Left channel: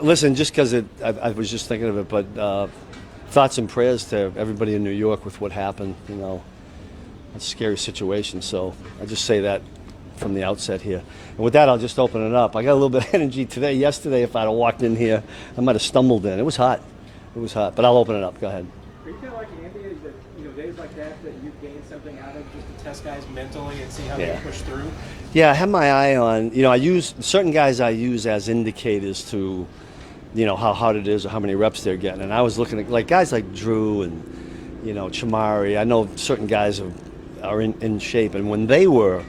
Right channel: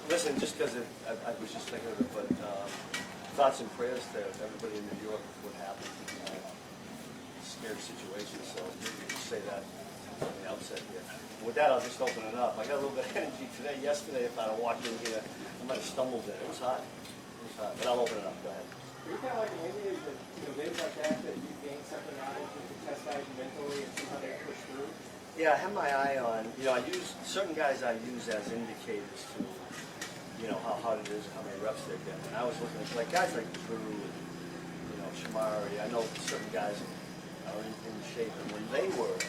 Listen, just because I was just thinking of it, but thoughts and prayers to everybody in New York with what happened. It's a scary situation. So I just say that from the outset here. And with that, I'll just open it up. I got a little bit of energy today. Yesterday, if I'd have walked in here, I might have stumbled in. It was hot. It was hot. But I'll open it up. Go ahead. Are you kind of like Andy, that days like that you gain something out of just to test guys mentally and see how they push through? Yeah, I have my eye on, I use certain guys I use as indicators to, how hard it is or how many reps they're getting. And I was looking at guys like Drew and, Chamari. I know certain guys are in shape. And when they were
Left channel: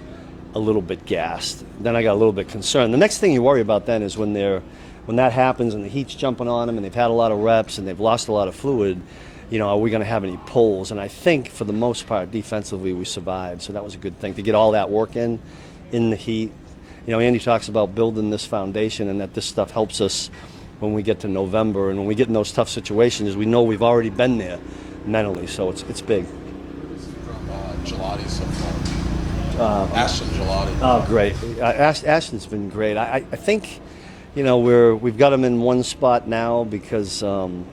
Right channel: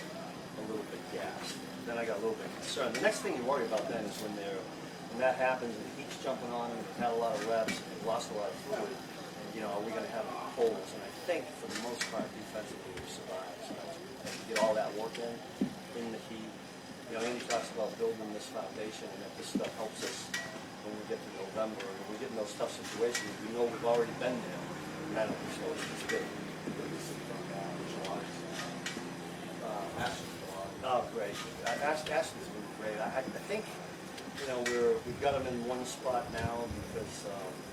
a little bit gassed, then I got a little bit concerned. The next thing you worry about then is when that happens and the heat's jumping on them and they've had a lot of reps and they've lost a lot of fluid, are we going to have any pulls? And I think for the most part, defensively, we survived. So that was a good thing to get all that work in the heat. Andy talks about building this foundation and that this stuff helps us when we get to November and when we get in those tough situations. We know we've already been there mentally, so it's big. From Gelati so far. Ashton Gelati. Oh, great. Ashton's been great. I think, we've got him in one spot now because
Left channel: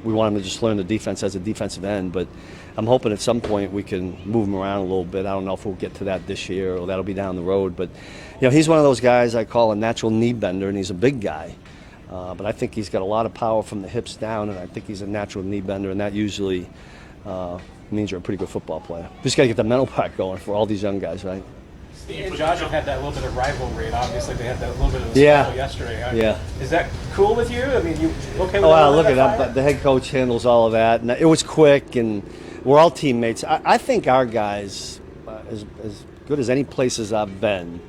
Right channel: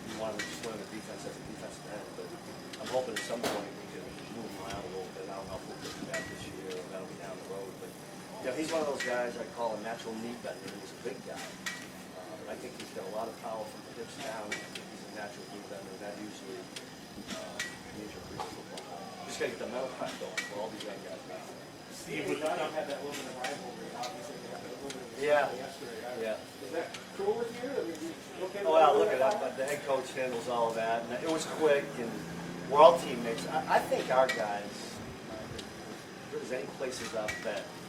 we want him to just learn the defense as a defensive end, but I'm hoping at some point we can move him around a little bit. I don't know if we'll get to that this year or that'll be down the road. But, he's one of those guys I call a natural knee bender, and he's a big guy. But I think he's got a lot of power from the hips down, and I think he's a natural knee bender, and that usually means you're a pretty good football player. Just got to get the mental part going for all these young guys, right? Steve and Josh have had that little bit of rivalry, and obviously they had that little bit of a scuffle yesterday. Yeah. Is that cool with you? I mean, you okay with well, look at that. The head coach handles all of that, and it was quick, and we're all teammates. I think our guys, as good as any places I've been,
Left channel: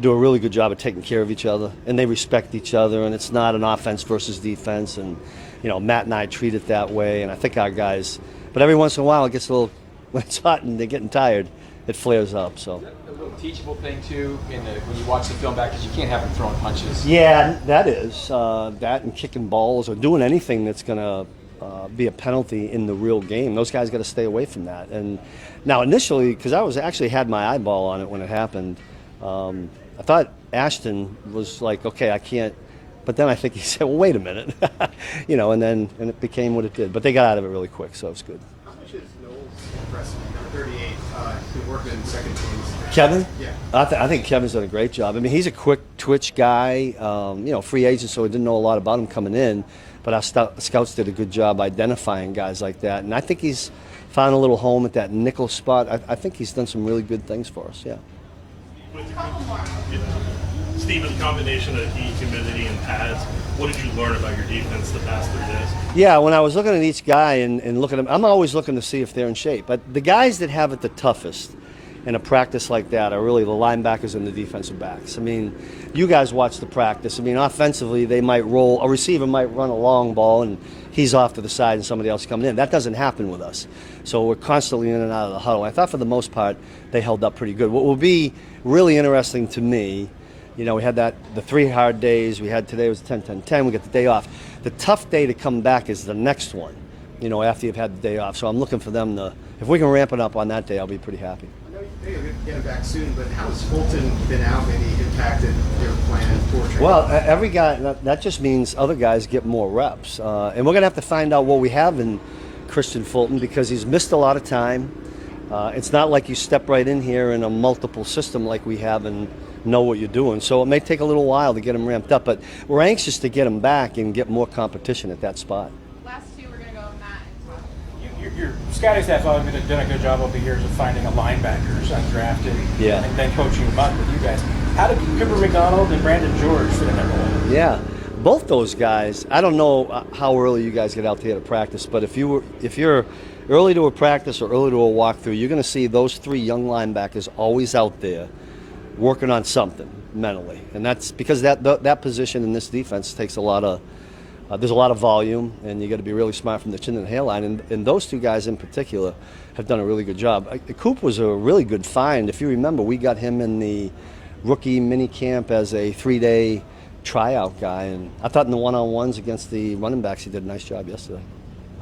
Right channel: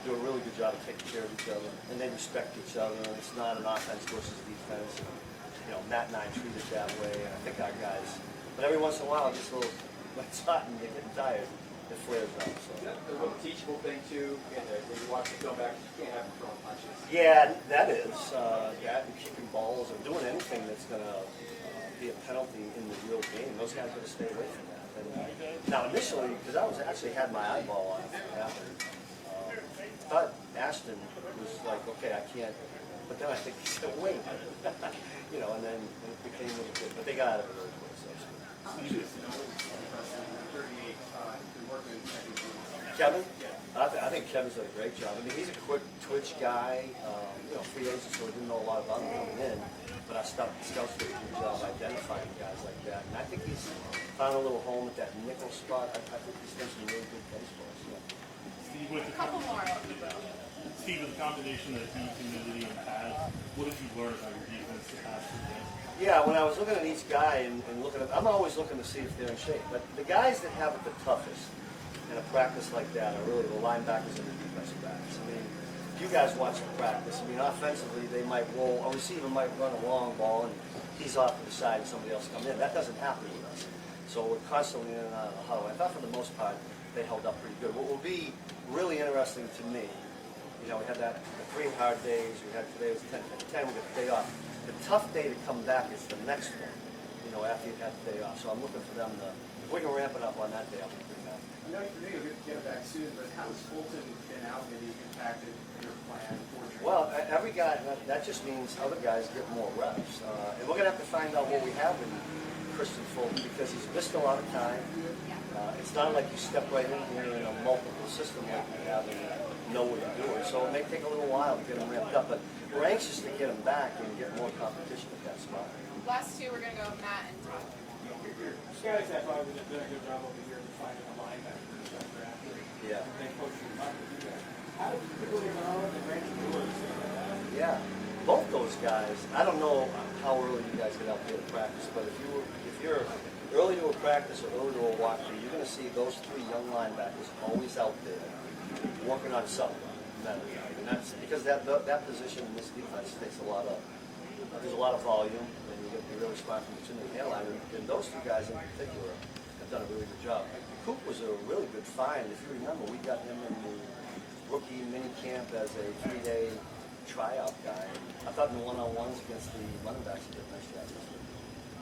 do a really good job of taking care of each other, and they respect each other, and it's not an offense versus defense, and Matt and I treat it that way, and I think our guys. But every once in a while, it gets a little when it's hot and they're getting tired, it flares up. So. Teachable thing too when you watch the film back, because you can't have them throwing punches. Yeah, that is that and kicking balls or doing anything that's going to be a penalty in the real game. Those guys got to stay away from that. And now initially, because I actually had my eyeball on it when it happened, I thought Ashton was like, okay, I can't. But then I think he said, well, wait a minute, and it became what it did. But they got out of it really quick, so it's good. Number 38, been working in second teams. Kevin? Yeah. I think Kevin's done a great job. I mean, he's a quick twitch guy, free agent, so we didn't know a lot about him coming in. But our scouts did a good job identifying guys like that. And I think he's found a little home at that nickel spot. I think he's done some really good things for us, yeah. Steve, with the combination of heat, humidity, and pads, what did you learn about your defense the past 3 days? Yeah, when I was looking at each guy and looking at them, I'm always looking to see if they're in shape. But the guys that have it the toughest in a practice like that are really the linebackers and the defensive backs. I mean, you guys watch the practice. I mean, offensively, they might roll. A receiver might run a long ball, and he's off to the side and somebody else coming in. That doesn't happen with us. So we're constantly in and out of the huddle. I thought for the most part, they held up pretty good. What will be really interesting to me, we had the 3 hard days. We had today was 10-10-10. We got the day off. The tough day to come back is the next one, after you've had the day off. So I'm looking for them to, if we can ramp it up on that day, I'll be pretty happy. I know you'll get him back soon, but how has Fulton been out maybe impacted your plan for training? Well, every guy, that just means other guys get more reps. And we're going to have to find out what we have in Christian Fulton because he's missed a lot of time. It's not like you step right in here in a multiple system like we have and know what you're doing. So it may take a little while to get him ramped up, but we're anxious to get him back and get more competition at that spot. Last 2, we're going to go with Matt and Tom. Your scouting staff has done a good job over the years of finding a linebackers undrafted and then coaching them up with you guys. How did Cooper McDonald and Brandon George fit in that role? Yeah, both those guys. I don't know how early you guys get out there to practice, but if you're early to a practice or early to a walkthrough, you're going to see those 3 young linebackers always out there working on something mentally, and that's because that position in this defense takes a lot of there's a lot of volume, and you got to be really smart from the chin to the hairline. And those 2 guys in particular have done a really good job. Coop was a really good find. If you remember, we got him in the rookie mini camp as a 3-day tryout guy, and I thought in the one-on-ones against the running backs, he did a nice job yesterday.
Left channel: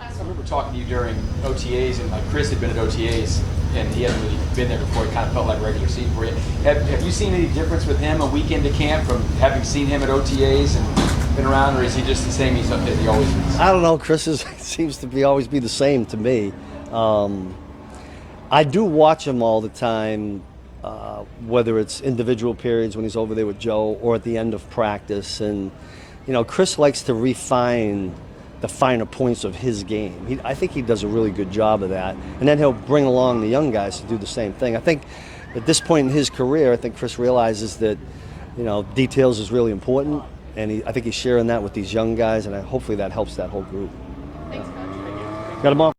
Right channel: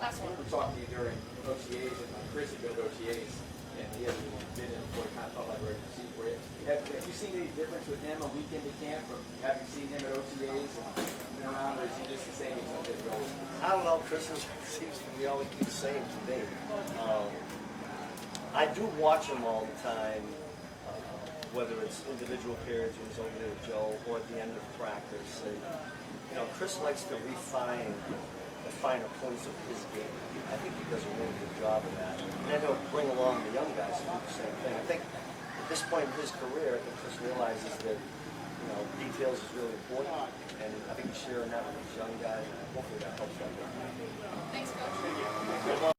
I remember talking to you during OTAs, and Chris had been at OTAs, and he hadn't really been there before. It kind of felt like regular season for you. Have you seen any difference with him a week into camp from having seen him at OTAs and been around, or is he just the same as he always is? I don't know. Chris seems to be always be the same to me. I do watch him all the time, whether it's individual periods when he's over there with Joe or at the end of practice. And, Chris likes to refine the finer points of his game. I think he does a really good job of that. And then he'll bring along the young guys to do the same thing. I think at this point in his career, I think Chris realizes that, details is really important. And I think he's sharing that with these young guys, and hopefully that helps that whole group. Thanks, Coach. Got them all.